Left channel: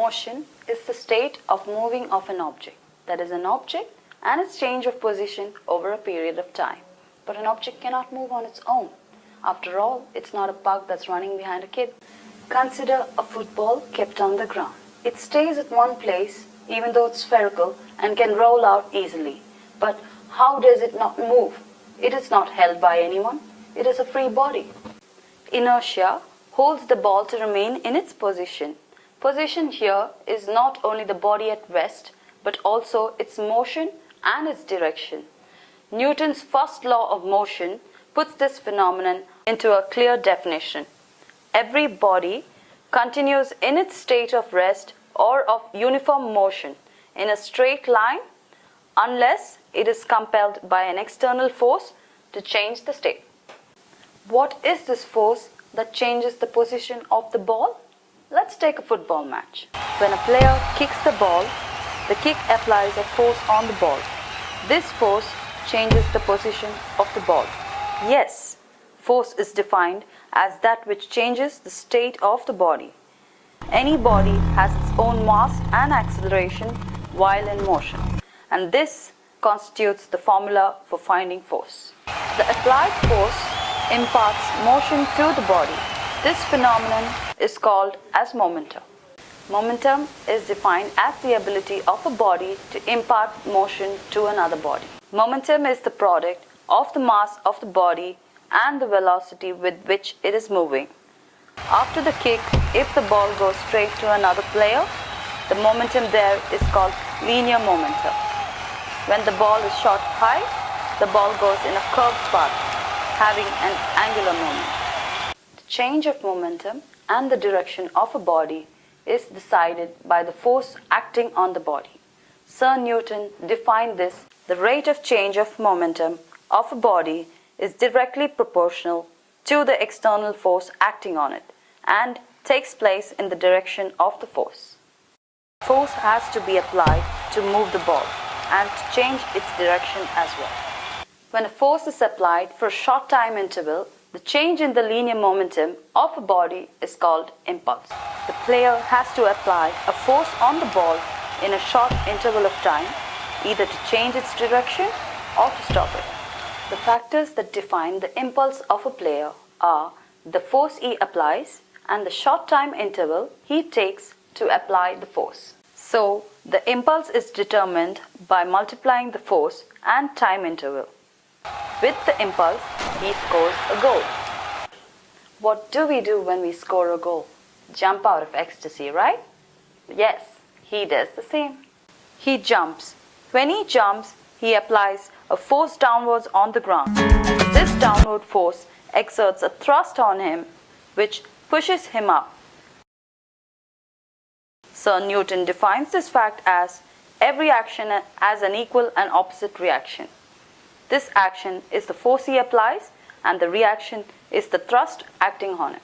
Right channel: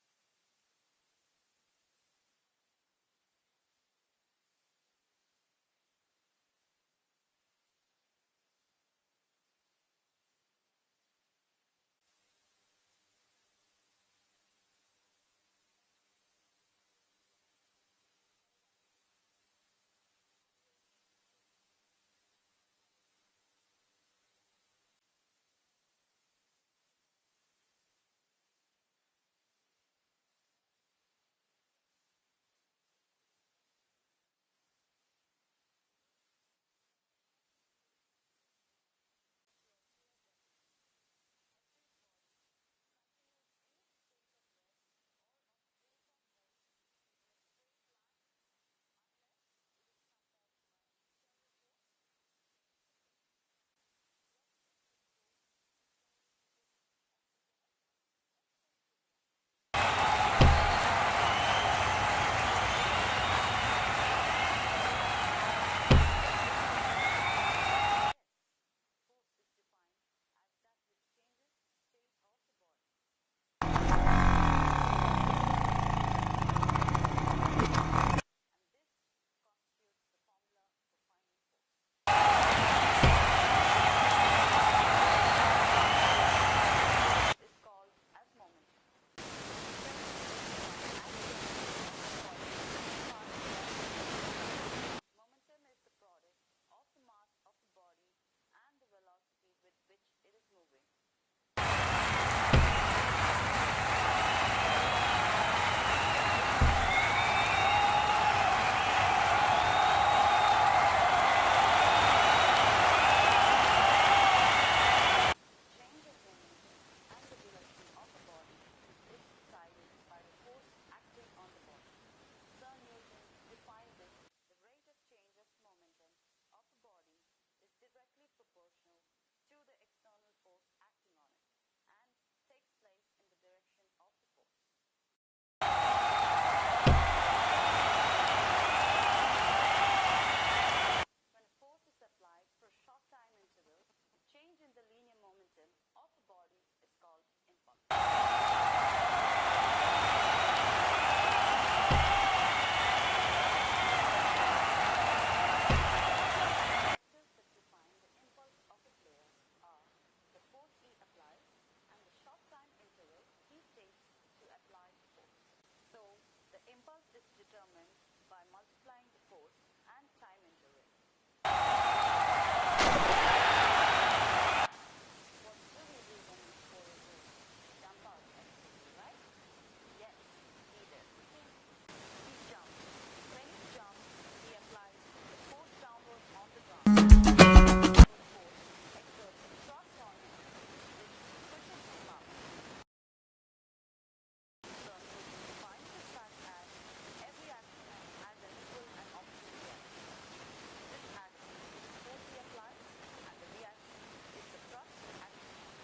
Motion is the state of moving of an object, that is an object and its change of position over a period of time. But an object cannot move on its own. After all, it's not a pug that's running behind a kid. Consider a football kept on the ground. It stays at one place even though it's spherical and can roll out easily. But how does it not move? It is not held by anyone. It is a free body. Inertia holds the ball to remain in its position. Position here is not only the body at rest, but also its motion and its direction. Newton's first law of motion puts this phenomenon into a clear definition. Every body continues in its state of rest or of uniform motion in a straight line unless it is compelled by an external force to change the state. What is this force that changes the position of the ball? Let's take a football match. When a player kicks the ball, the kick applies a force on the ball. This force changes the position of the ball. Yes, force is defined as that which changes the state of the body. Any body has its own mass and acceleration while in motion, and this constitutes the formula for finding force. The applied force imparts motion to the body. This phenomenon is called as momentum. Momentum is defined as the ability of a body to impart motion to another body. Momentum is the product of the mass of the body and the velocity with which it is moving. After the kick, if the ball goes straight to another player, the momentum there is called linear momentum. When the ball is shot high, the ball goes in a curved path, having an angular moment. The change of momentum and the direction of a body is decided by the force acting on the body. Sir Newton defined this: the rate of change of momentum of a body is directly proportional to the external force acting on it and takes place in the direction of the force. Force has to be applied to move the ball and to change its direction as well. When a force is applied for a short time interval, the change in the linear momentum of a body is called impulse. The player has to apply a force on the ball in a short interval of time, either to change its direction or to stop it. The factors that define the impulse of a player are the force he applies and the short time interval he takes to apply the force. So, the impulse is determined by multiplying the force and time interval. With the impulse, he scores a goal. What do we do when we score a goal? Jump out of ecstasy, right? Yes, he does the same. He jumps. When he jumps, he applies a force downwards on the ground. This downward force exerts a thrust on him, which pushes him up. Sir Newton defines this fact as every action has an equal and opposite reaction. This action is the force he applies, and the reaction is the thrust acting on it.